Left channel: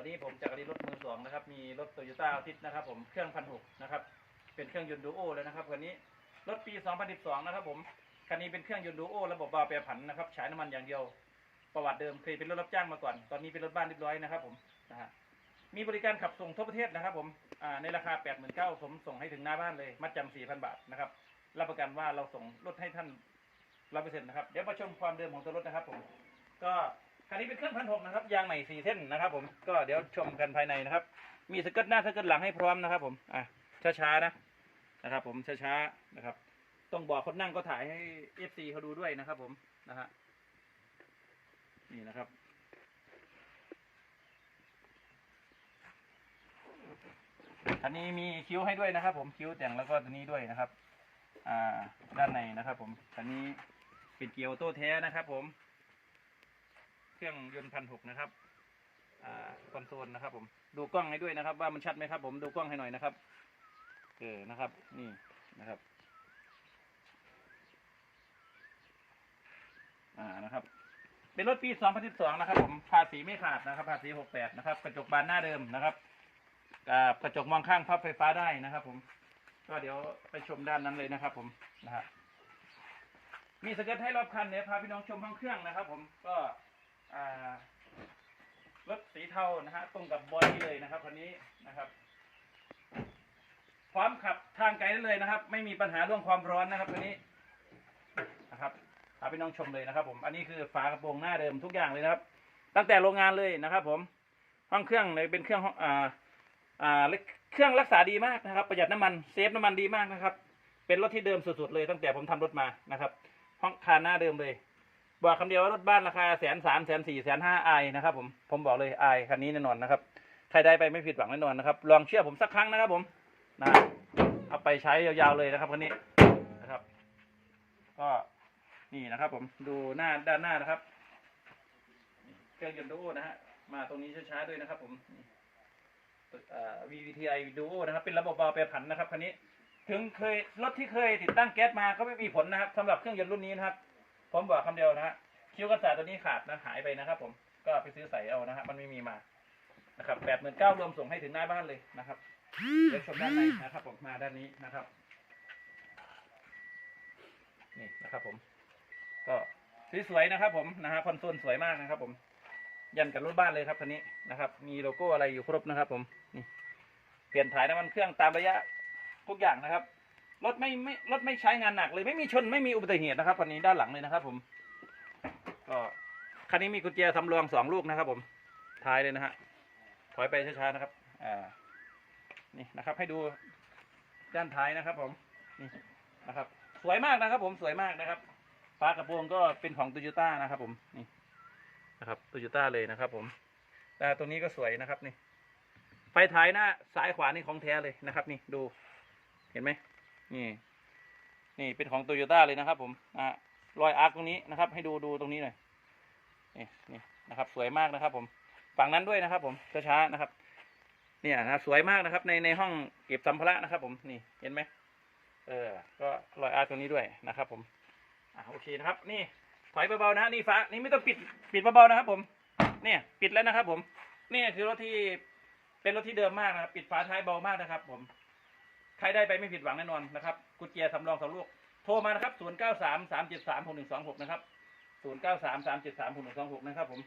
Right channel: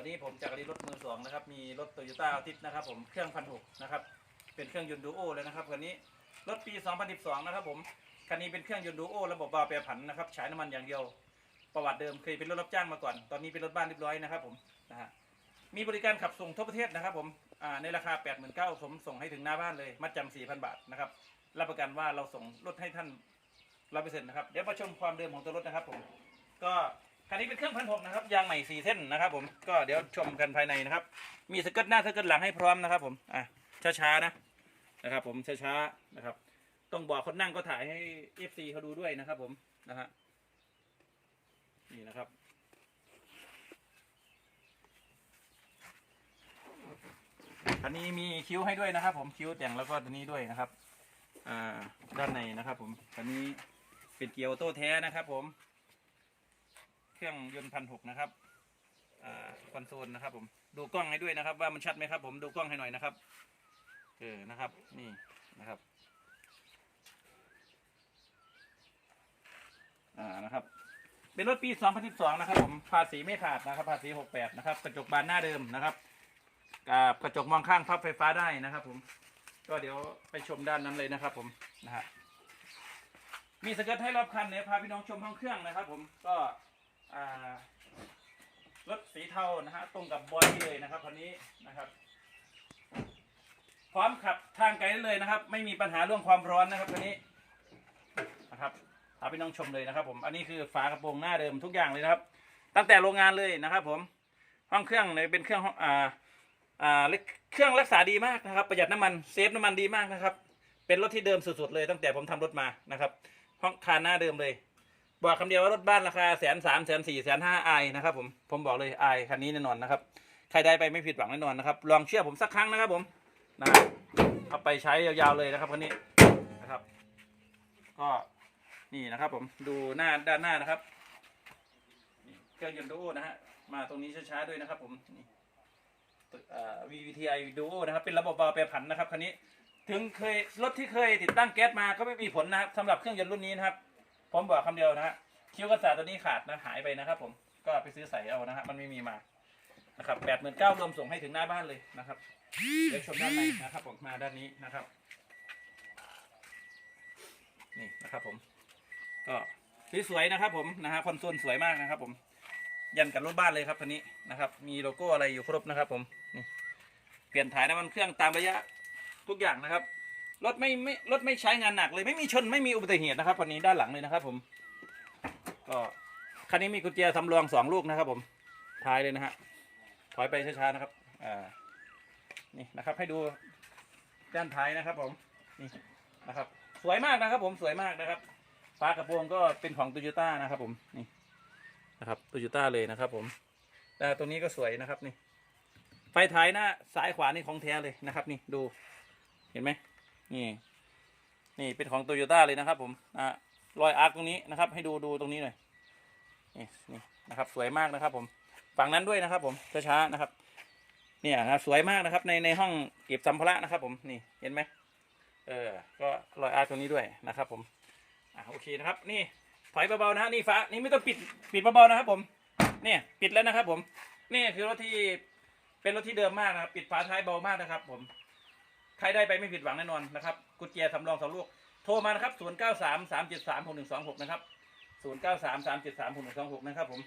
วันนี้ผมจากรีรถมือสองนะครับ มีรถโตโยต้าอาทิตนะครับ ผมเครื่องพันหกนะครับ เป็นเครื่องยนต์ดูโอเลยนะครับคันนี้รถปี 2012 นะครับ ผมคันนี้เป็นเครื่องยนต์ดูโอระบบบาล์วแปรผันนะครับใช้น้ำมันอย่างเดียว ประวัติเดิมเคยเป็นรถรับจ้างมาก่อน ตอนนี้เป็นรถบ้านเรียบร้อยนะครับ ผมนะฮะมีบริการขับส่งทั่วประเทศนะครับ ผมอ่าในราคา 89,000ผมส่งให้ถึงหน้าบ้านเลยมัดจำ4,000 บาทนะครับรับประกันว่าเราส่งรถให้ท่านร้อยเปอร์เซ็นต์นะครับเดี๋ยวมาชมความเดิมของตัวรถนะครับ ผมก็ คันนี้เป็นเครื่องพันหกนะครับยางใหม่สี่เส้นนะครับผมก็เดี๋ยวชมกันภายในนะครับ มีสเกิร์ตหน้าสเกิร์ตหลังให้พร้อมนะครับผมอะช้าๆนะนะครับผมช้าๆนะครับต้องบอกคนนั่งก็ถ่ายให้ FC เขาดูด้วยนะครับผมนะฮะนี่นะครับอันนี้มีคิ้วให้ด้วยนะครับ ผมคิ้วแต่งแล้วก็ตัวนี้ด้วยนะครับ อ่า ด้านในนะครับ ผมอันนี้เป็นเกียร์ออโต้แท้นะครับ ผม เครื่องยนต์พันหกนะครับอคอนโซลนะครับ ผมดูกล้องให้ด้วยนะครับ ว่ามันชัดไหมครับ ผมดูกล้องให้หน่อยนะครับเออนะครับ นี่นะครับอ่านะครับ เป็นรถปี 2012 นะครับ ผมภาษีไม่ขาดนะครับ ภาษี 68 นะครับ กระจกบานหน้าเดิมนะครับกับกระจกมองข้างพับไฟฟ้าได้นะครับ ผม ก็เดี๋ยวไปชมด้านนั้นเลยนะครับ ผมนะฮะมีสเกิร์ตให้รอบคันเดี๋ยพาพี่น้องชมห้องเครื่องนะครับ ผมก็ รถสีเทานะฮะตรงกับบอดี้เลยนะครับคันนี้นะครับ พร้อมขับทางไกลได้เลยนะครับ ไม่มีปัญหาเรื่องความร้อนนะครับตัวนี้นะครับพาพี่น้องชมเลยนะครับ ผมอันนี้คือฝากระโปรงหน้าเดิมทุกอย่างเลยนะครับ ตั้งแต่โรงงานเลยนะครับ ผมห้องเครื่องเลยเป็นเครื่องอ่าอ่าเครื่องรักษาดีมากนะครับ ประหยัดน้ำมันเซฟน้ำมันดีมากนะครับ เป็นรถที่เดิมสุดๆเลยตั้งแต่ผมทำรถมานะครับ ห้องคานหน้าเดิมเลย บอกคำเดียวว่ารถบ้านราคาแสนสามแสนสี่แสนห้าไอนะครับผมผมบอกเลยไอคันนี้แน่นอนนะครับใครได้ไปไม่ผิดหวังแน่นอนนะครับลองเชื่อผมสักครั้งนะครับผมนะเอาไปใช้ยาวๆเลยนะครับคันนี้นะครับ ก็นี่นะครับ ผมดูหน้าด้านหน้านะครับเครื่องยนต์ดูโอนะฮะมาตรงนี้ช้าๆด้วยนะครับ ผมนี่เอ่อ VVTi Duo นะครับ เป็นระบบเบาแปรผันนะครับคันนี้ ถึงเคยรถที่เคยติดตั้งแก๊สมาก็ไม่มีผลนะครับสำหรับเครื่องยนต์รุ่นนี้นะครับ ผมบอกคำเดียวนะฮะคิ้วกันศาตัวนี้ขาดนะหายไปนะครับ ผมก็ไปซื้อใส่เอานะฮะมันไม่มีมานะครับแปดหมื่นเก้ารวมส่งให้ถึงหน้าบ้านเลยนะครับเดี๋ยวชมด้านในนะครับ ผมมาด้านนี้นะครับ นี่นะครับผม ก็สวยๆนะครับ ผมนะฮะคอนโซลสวยมากนะครับ ผม ยันกับรถบ้านเลยครับคันนี้นะครับ มีโลโก้อะไรอยู่ครบนะครับ ผมนี่เปลี่ยนถ่ายน้ำมันเครื่องตามระยะทุกอย่างนะครับ รถไม่ไม่รถไม่ใช้งานหนักเลยไม่มีชนไม่มีอุบัติเหตุนะครับคันนี้ด้านหลังเลยนะครับ ผม ก็คันนี้มีกุญแจสำรองสองลูกนะครับ ผมท้ายเลยนะฮะถอยไปช้าๆนะครับอ่านี่นะครับ ให้ดูด้านท้ายนะครับ ผมนี่นะครับ สวยมากนะครับ ผมสวยมากนะครับฝากระโปรงก็เป็นของโตโยต้านะครับ ผมนี่นะครับโตโยต้าเลยนะครับ ผมแต่ตัวนี้ก็สวยนะครับนี่ไฟท้ายหน้าซ้ายขวานี่ของแท้เลยนะครับ นี่ดู เห็นไหม นี่ นี่เป็นของโตโยต้าเลยนะครับ ผมอ่ารอยอาร์คตรงนี้นะครับ ให้ดูดูตรงนี้หน่อยนี่นี่นะครับ สวยมากนะครับ ผมฝั่งนั้นด้วยนะครับ ผมช้าๆนะครับ เนี่ยนะครับสวยมากนะครับ ในในห้องเก็บสัมภาระนะครับ ผมนี่เห็นไหมเออ ก็รอยอาร์ตรงนี้ด้วยนะครับ ผมอ่าโอเคนะครับ นี่ถอยเบาๆนะฮะนี่ฟ้านี่ไม่ต้องปิดปิดเบาๆนะครับ ผม เนี่ยปิดแล้วนะครับ ผม นี่คือรถที่เป็นรถที่เดิมมากนะครับปิดฝาท้ายเบามากนะครับ ผม ใครได้ไปไม่ผิดหวังแน่นอนนะครับกุญแจสำรองสองลูก โทรมานะครับศูนย์เก้าสามสามเจ็ดสามหกหนึ่งสองหกนะครับศูนย์เก้าสามสามเจ็ดสามหกหนึ่งสองหกนะครับผม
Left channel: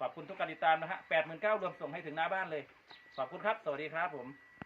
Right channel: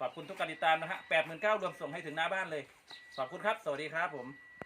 ขอบคุณทุกการติดตามนะฮะแปดหมื่นเก้ารวมส่งให้ถึงหน้าบ้านเลย ขอบคุณครับ สวัสดีครับผม